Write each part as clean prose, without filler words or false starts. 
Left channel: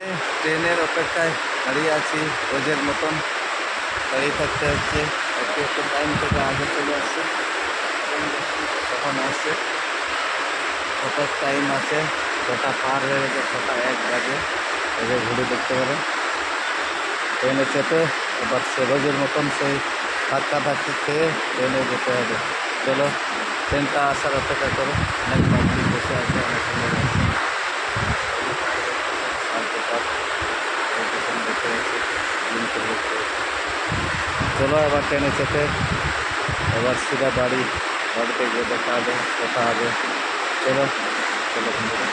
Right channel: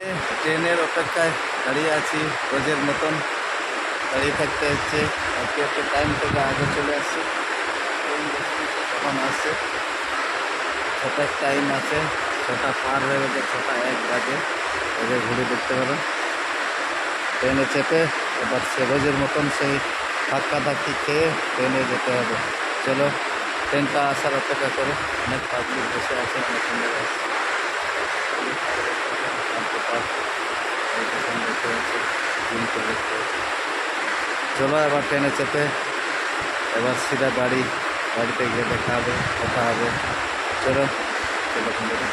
ট্রেনের অপেক্ষায় দাঁড়িয়ে আছি, রোজের মতন দাঁড়িয়ে থাকতে হচ্ছে। আজকে একটু টাইম থেকে আগে চলে আসছে। ট্রেন দেখছি কখন আসছে, 6টার টাইম আছে, 6টা পার হয়ে গেছে, 6টা 1 বাজে। এই যে ঘুরে দেখতে পারো, ট্রেনে চেপে এবার সে রোজের মতন সেই ধাক্কা ধাক্কি খেয়ে ট্রেনে যেতে হবে। চলো ট্রেনটা আসার অপেক্ষা করে, অনেক পাবলিক বসে আছে, অনেক সুন্দর আছে। স্টেশন দেখতে পাচ্ছি, জিমকে দেখতে পাচ্ছি। চলো এবার ট্রেনে চেপে এবার সিধা বাড়িতে গিয়ে দেখা হবে, কথা হবে। চলো চলো বন্ধুরা।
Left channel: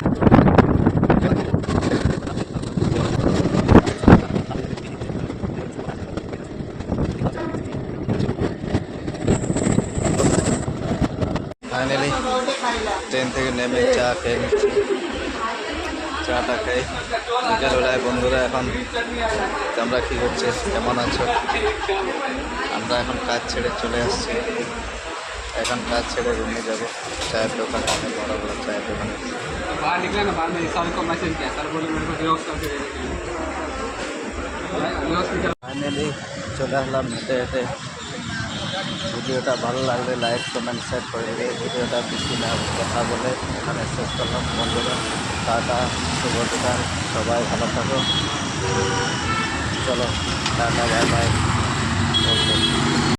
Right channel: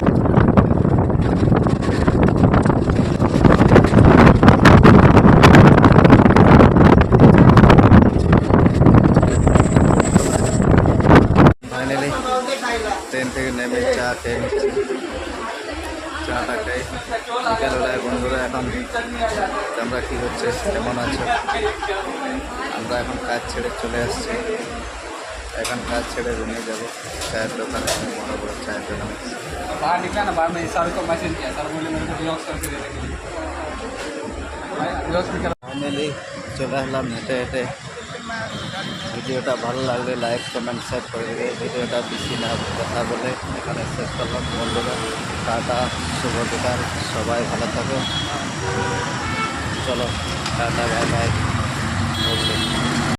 ফাইনালি ট্রেন থেকে নেমে চা খেয়ে নিচ্ছি। চাটা খাই বিকেলবেলায়। বন্ধুরা এখন তোমরা কী করছে, কেমন আছো? আমরা এখন কাজ ছেড়ে চলে আসছি। এখন কাজ ছেড়ে রুমে যাব, চায়ের দোকানে, বড় বড় চায়ের দোকানে। बाहर निकला ना, बाद में सर को मैसेज किया, सर बोले मेरे को ब्लॉक करके दे देंगे। ফাইনালি চলে আসলাম হেঁটে হেঁটে। ভিডিওটা ভালো লাগলে লাইক কমেন্ট শেয়ার করে দেবে। ভিডিওটা বেশি না কথা বলে এখানে শেষ করলাম। বন্ধুরা টাটা, শুভ বিকাল, সবাই ভালো থাকো। চলো টাটা, বাই বাই, ওকে।